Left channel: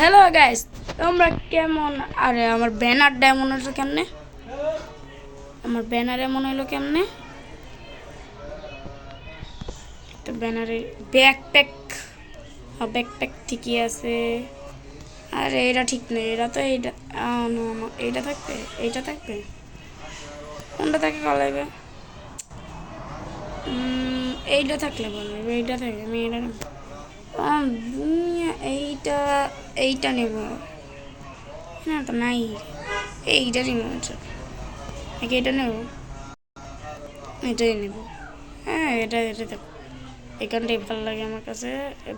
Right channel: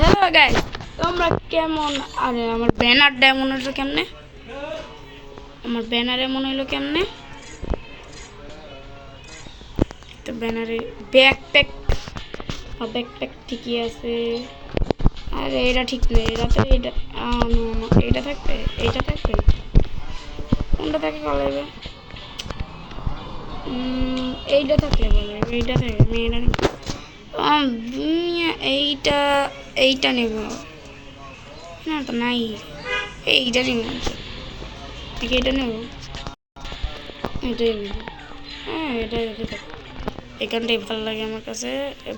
Hello guys, তোমরা কেমন? আরে আমার ব্যানারটা এমন হলো কেমনে? আমার ব্যানার এমন হলো কেমনে? তো ব্যানারে ব্যাকপ্যাক ঠিকই আছে। আরে এটা ঠিক নেই, এটা তো এইটা নো এইটা থাকবে, এইটা থাকবে, কোনটা থাকে কলাইবে? এইটা থাকলে বলে, এইটা থাকে, আমি এটা নেব। এইটা এইটা নেব না, তো নাই, এইটা নিব নাকি এটা নেব? এটাই নেব। হ্যাঁ, এটা থাক, এখানটাই ভালো লাগে আমার কাছে।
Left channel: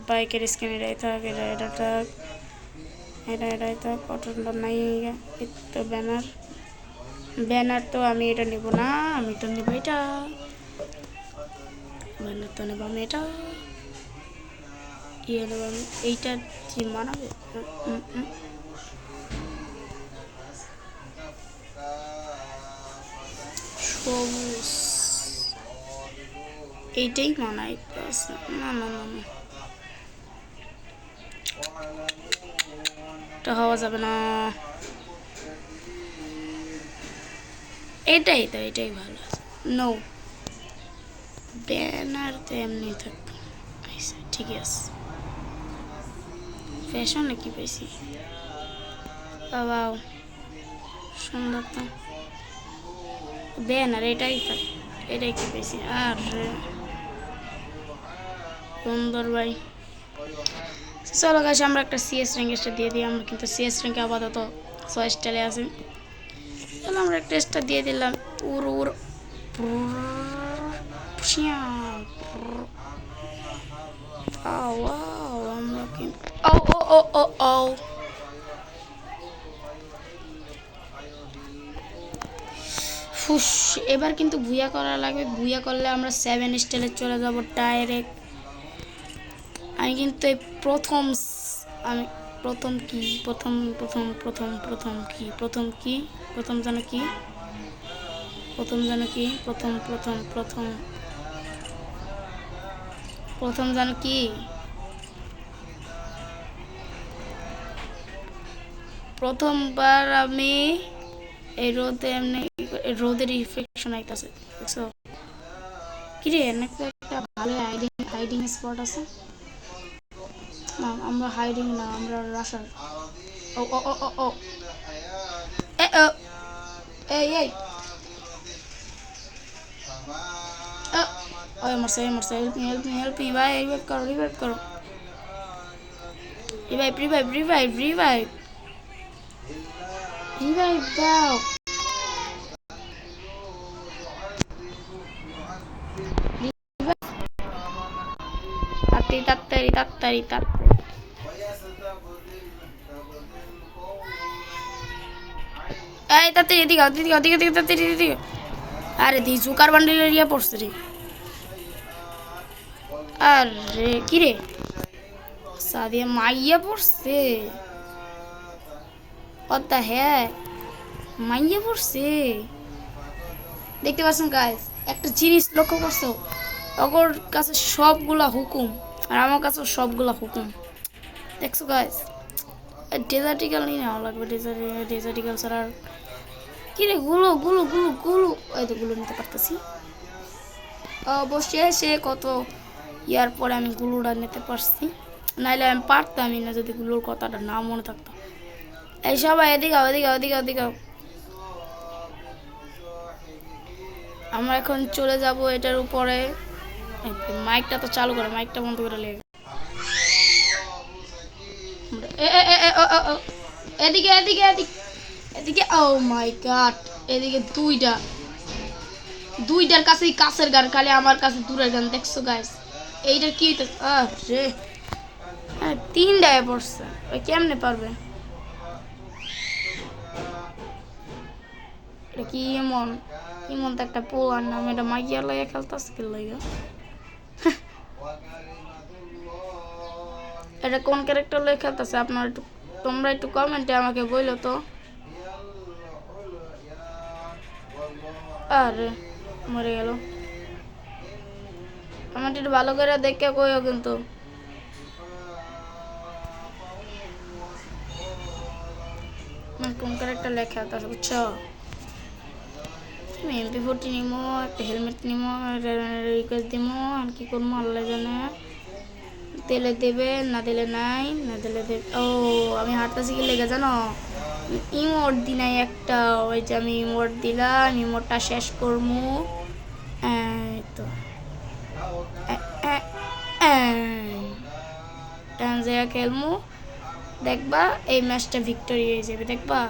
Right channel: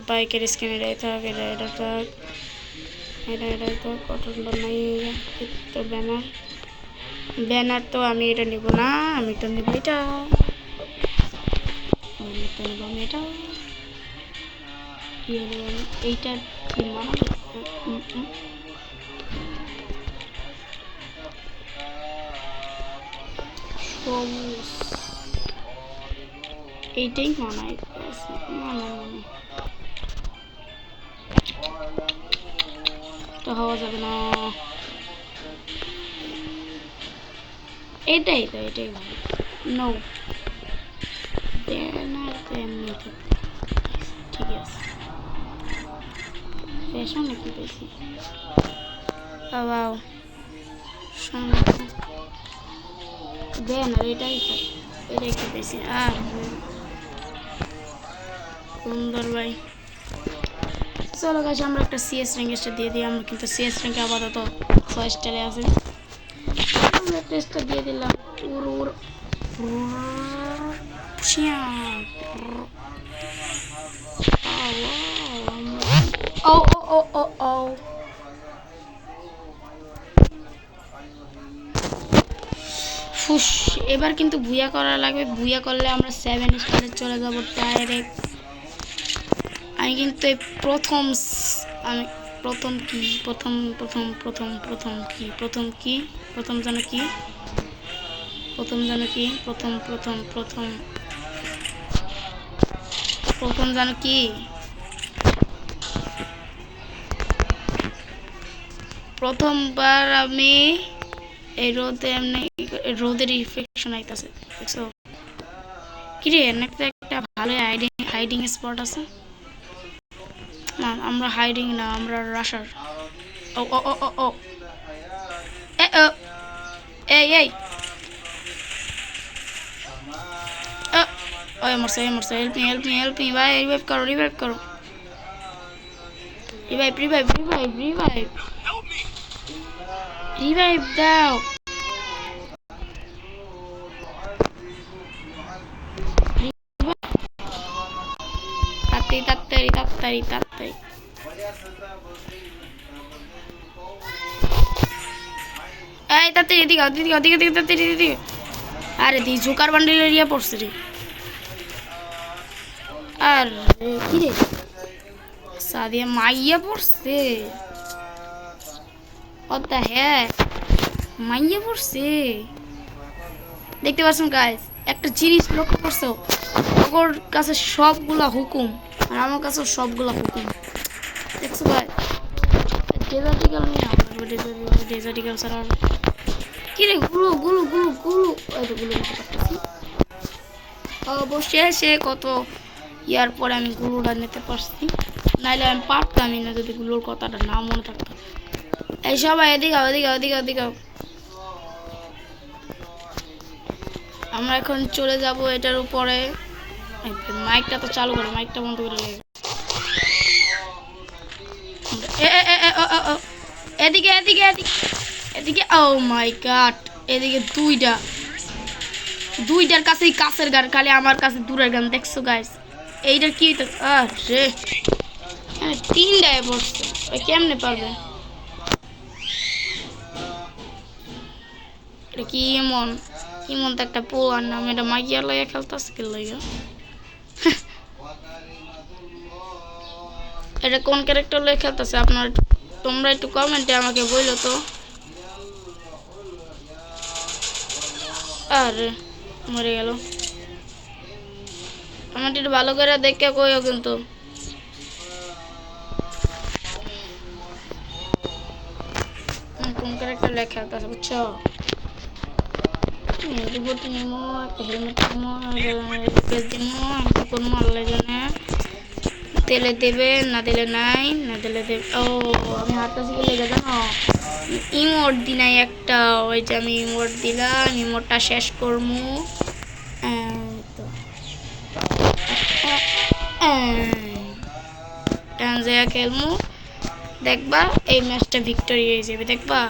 বাইকের স্ক্রিন এটাই থাক, এটা থাক, এটা থাক, কতটা নাই। তো ব্যানার তো আমি এটা নেব না, আমি তো নেব এটা, ব্যানার তো নেব আমি এটা। কি নেব আমি? এইটা কি মানাবে? সবুজ এইটাই মানায়। না না না না, এটা হওয়া যাবে না। এটাই তো, এটাই ভালো। নো, ব্যানার তো এমনি থাক, ঠিক আছে। ফ্যাশন নাকি বেশি বাবা, সুন্দর তো ব্যানার, এটাই থাক, এটাই কি বেশি। আর সুন্দর ভাই, চলো গাছ আমরা একটা সিএস র্যাঙ্কটা দিয়ে দিই। আমরা কিন্তু সিএস র্যাঙ্কে আপাতত 6 স্টারে আছে। আমরা টেস্টটা দিয়ে দিলাম। উর উর ও ও ও ও ও, ফুস, এবার কিন্তু ভুয়া করা লাগবে। ভুয়া করলে আমরা 7 স্টারে চলে যাব ডাইরেক্ট। আমি কিন্তু এই আমি প্রথম কি প্রথম যেন কি প্রথম যেন কি প্রথমবার আমি এই রোদে এমনি রোদের রিফ্লেকশন আইতাছে, দেখছো? কিরে, একটা ভালো হাইডিং স্পট আছে না? আমরা হাইডিং না, আমরা রাশার। ও ও ও ও ও এ ও এই এই ওই মরছে, হেল্প মি ভাই, রিভাইভ করো, রিভাইভ দাও। তাড়াতাড়ি এই তাড়াতাড়ি এদিকে তাড়াতাড়ি। আরে দি জোকার বান্ডেল এরিয়া পড়ছে রে। আরে কি রে, সাদিয়া মাইয়া পড়ছে। অদ্দা হ্যাঁ, মাইয়া পড়ছে। দেখতে পাচ্ছেন গাইস, একটা জিনিস লক্ষ্য করছো? ওর কাছে সবগুলা হুকুম আর আমার কাছে সবগুলা হুকুম, দেখছো গাইস? ডেজার্টিক্যাল নিয়ে নেওয়া লাগবে। ডেজার্টিক্যাল ছাড়া আর কি রে, গুলো এই তো গুলো নিতে পারতেছি। অবশেষে কত ইয়ার পরে আমি গুলোটা নিতে পারছি, নাইলে আমি পারতামই না যদি গুলোর কথাটা না মনে থাকতো। এই সবাই এদিকে আমরা এখন চলে যাব এটার উপরে। মাইকটা তো চালু করো, মাইকটা বন্ধ করে লেগে। এদিকে ও মাই গড, এদিকে দুইটার কাছেই কাছের গান, খালি আমার কাছে দূরের গান, দেখছো গাইস? এইটার কি রে, তিনটায় পড়ছে, ওই কেমনে পারবে? এটা কি ইমন তো একটা পোয়ার নাম, এটা মাইয়া লইয়া খেলতেছে কি লইয়া? এটা কোন ক্যারেক্টার লইয়া খেলতেছে আপনার? তোমরা একটু কমেন্টে আমাকে বইলো তো। আরে মরে গেল। আমার একটু ভালো করে দেখে কইও কিন্তু। কোন ক্যারেক্টার লেখা আছে বুঝছো এমপি40 নিমো একটা হেলমেট নিমো রিকোয়েস্ট দিমো আমি কি করবো আল্লাহ জানে তেলে দেবে না দিলে নাই না দিলে দেবে ও আমি হাত কাছে কি লেগে জানো ইমোট দি নাই একটা ওই যে আমি ইমোট দিলাম ইমোটটা শেষ করবো তো টানজায়া খেলমু দেখবা এই ম্যাচটা ভিক্টোরি হয়ে যাবে দেখবা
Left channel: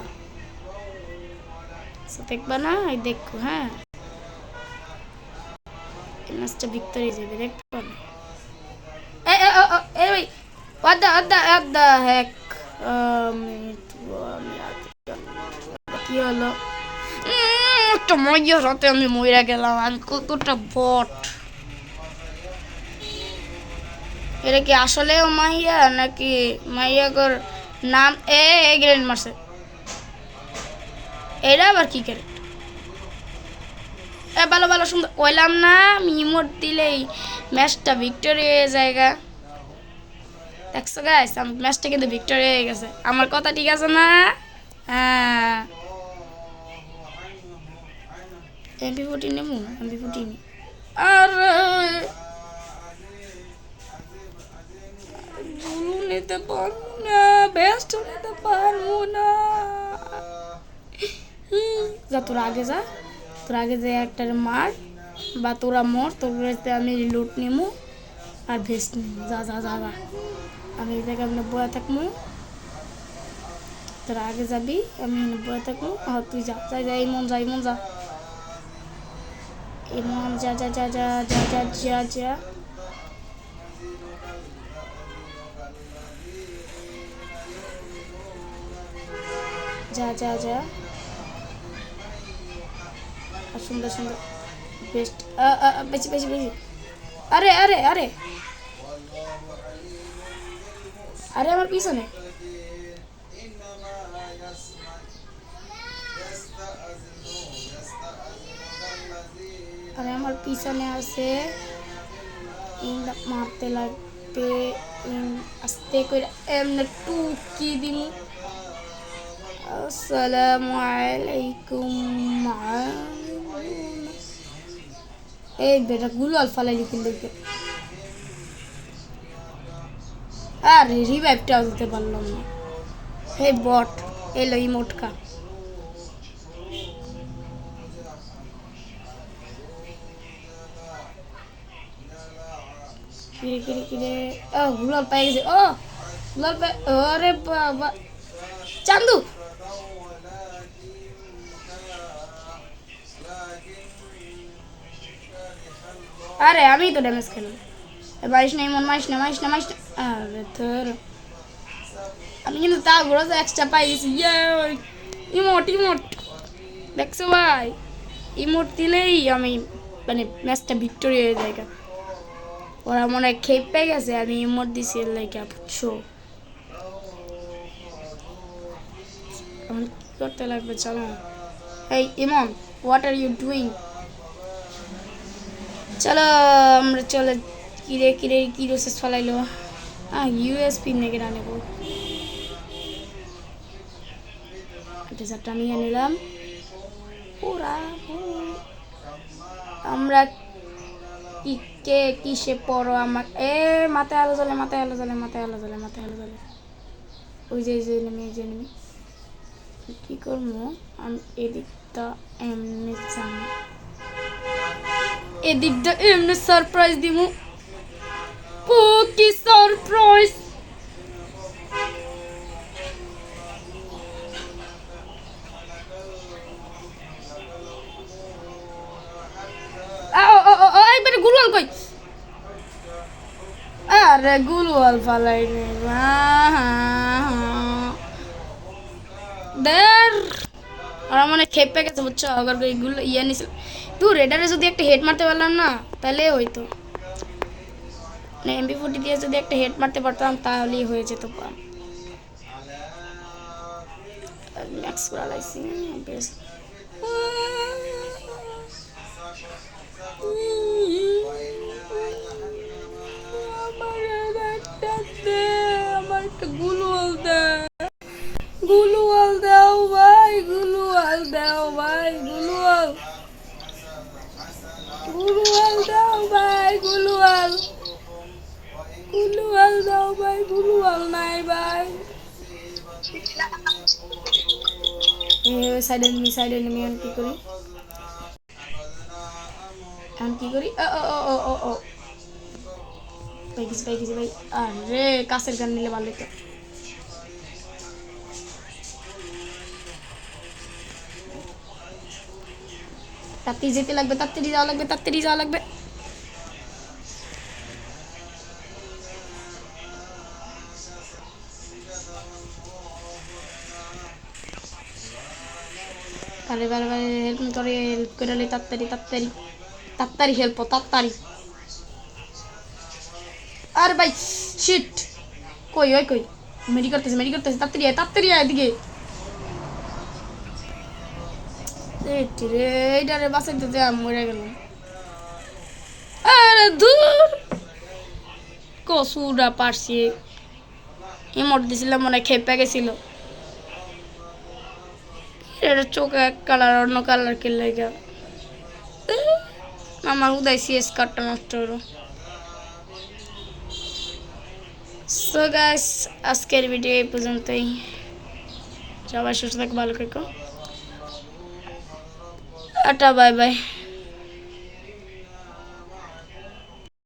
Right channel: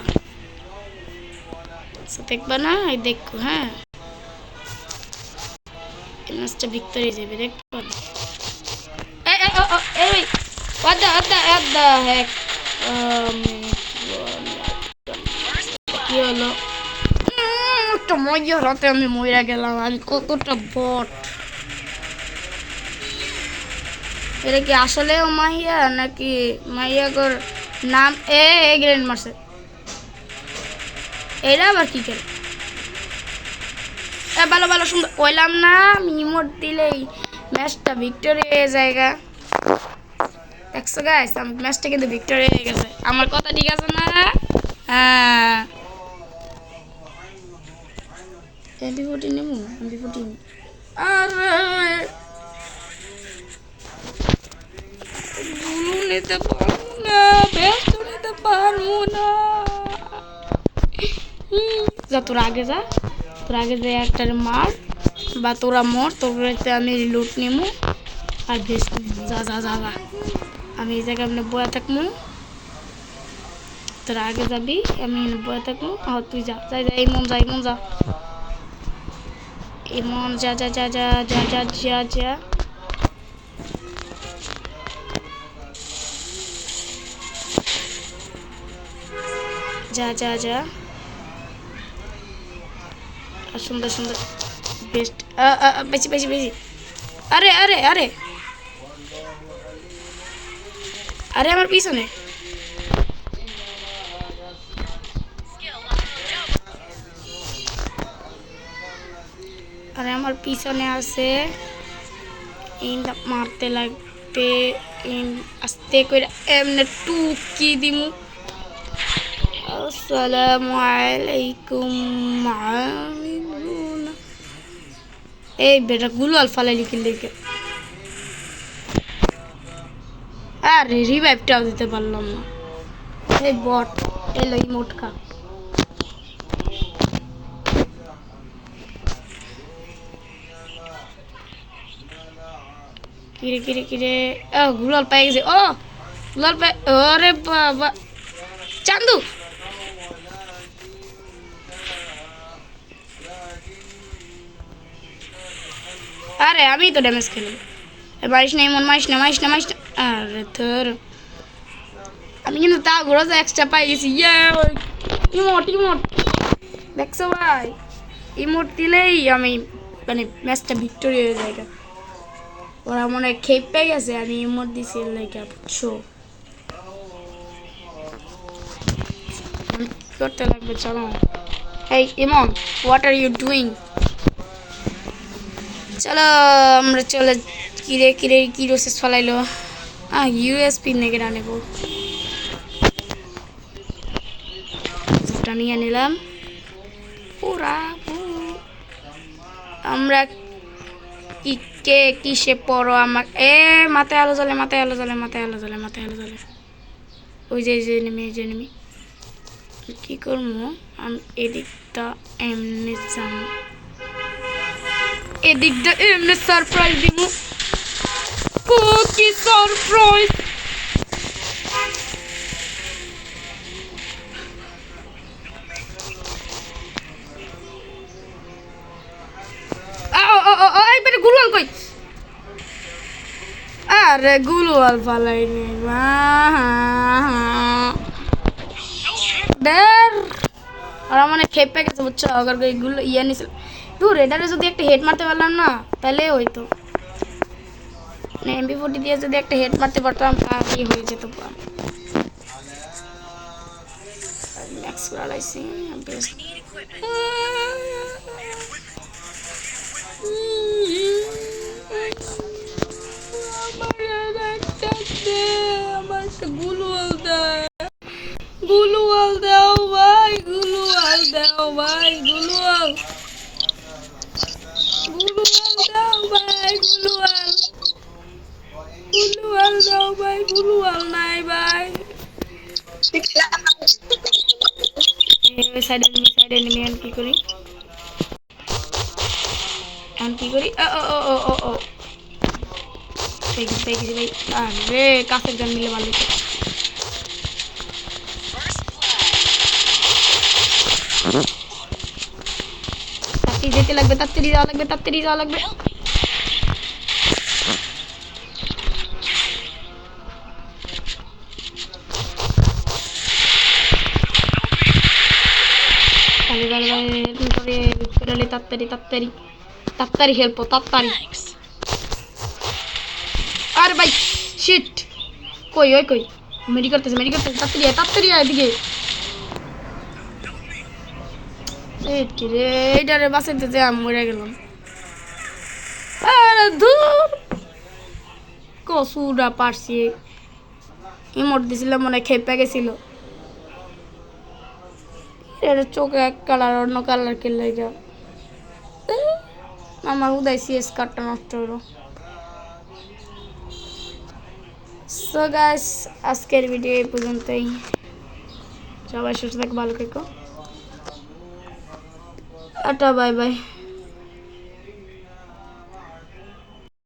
দেখবা না এই দেখো হ্যাঁ এই ম্যাচটা ভিক্টোরি হয়ে যাবে দেখবা এই what the heck কি হলো একটা মজা রাতে আমি মরে গেলাম আমি কতটা বট এটা কি আসলেও মাইয়া নাকি মাইয়াগর নাম গ্রেন্ড মারছে এরা আবার কি করে ভালো ভালো সুন্দর কইলাম না ইমোট দিলেই ম্যাচটা ভিক্টোরি হয়ে জায়গা দেখছো গাইস আমার ম্যাচটা কিন্তু ভিক্টোরি হয়ে গেছে আমার কথা ঠিক আছে না হ্যাঁ এমপি40 নেবো এমপি40 আরে গুলু নিতে পারবো না বেস্ট নিতে পারবো না যা তোর আগে যা একটা মার বা তোরা মর তোরাতে আমি লুট নিমু আর ভেস্ট নিমু যা যা যা যা আমি এই জায়গায় আপনি বয়া থাকবো তোরা আগে যাবি আমি বয়া থাকবো তুই যা যাই যা এই মন যা এই মন যা এই মন যা যা যা যা যা যা যা যা যা যা যা সুন্দর সুন্দর বেস্ট বেশি বেশি বেশি আরে আরে আরে আরে আমার পিছনে আরে আমার পিছনে আছে মারতে লাগবে আস্তে করে এমনি টুকি দিমু আসসালামু আলাইকুম এই বেটা গুলো আলফালাই লিখে লিখে আরে রিভাইভটাও দিতে পারলাম না এই বট এলো ইমোটকা কিরে কিরে কিরে গুলাল পাই গেছে গুলাল পাই আরে বাবা চান্দু আরে আমি তো ড্যামেজ খেলাম মারিস না এমন মারিস না মারিস না মারিস না আরে তোর আমি কিন্তু তা ঘোরা তো এক্সট্রা পাই গেছি ইমোট ইমোট দেখছো ভাই ইমোট দিলেই আমি মানে ম্যাচটা ভিক্টোরি হয়ে যায় ওরা মনে হয় খেপ পেয়ে গেছে আমি ইমোট দিছি লাইকা বুঝছো করতে লাগবে চলো এই ইমন হোয়াট আর ইউ ডুইং চলো আমরা চলে কিরে কিরে কি রোসেস ফলাইলো ইউএসপি নেগে নেব যেটা নিয়ে নিলাম পুরা আমরা কি কে কিসে পড়ো আমার মাথায় আলো জ্বলে মাথায় আলো জ্বলে মাথায় আলো জ্বলে মাথায় আলো জ্বলে ওই যে নেমে কি করবো আমি এদিকটা এমনি যাম এদিকটা এমনি সারপ্রাইজ দিব কি সারপ্রাইজ এইবারে গুলওয়াল কই আরে গুলওয়াল ফালাই নেই দের আর মানে খেপে গেছে বুঝছো আবার এইগুলো ইয়া নিছিল তুই রেডারে যদি একটা হেড মারতে পারলাম না তাহলে হইতো না এমপি40 দিয়ে যদি একটা হেড মারতে পারতাম তাহলেই হয়ে যেত ম্যাক্স করা লাইছি বেশ আমার একটা গুলওয়াল দাও ভাই দাও ভাই গুলুয়াল দাও ভাই গুলুয়াল দাও ভাই গুলুয়াল নাই ভাই সাইড এনিমি এখন কি করি ও ও ও ও ও পেয়ে গেছি ভাই আরে কাছের গান মিলে ভালো হতো তাড়াতাড়ি যেতে লাগবে তাড়াতাড়ি যাওয়া লাগবে হেল্প করে তাড়াতাড়ি হেল্প তাড়াতাড়ি আরে ভাই শিট কই মেডি করতেছে তাড়াতাড়ি আয় এদিকে এইটারে বাঁচাইতে আমি মরে গেলাম আরে দূর কসুরা পারছি ইমোট দিছিলাম মনে খেপে গেছিল এটা চোখে এক কালার অন্য কালার কে লেগে আমার উদয় সিএস কার্ডটা নষ্ট হলো সো গাইস আজকের ভিডিও এই পর্যন্তই সবাই সুস্থ থাকো ভালো থেকো টাটা বাই বাই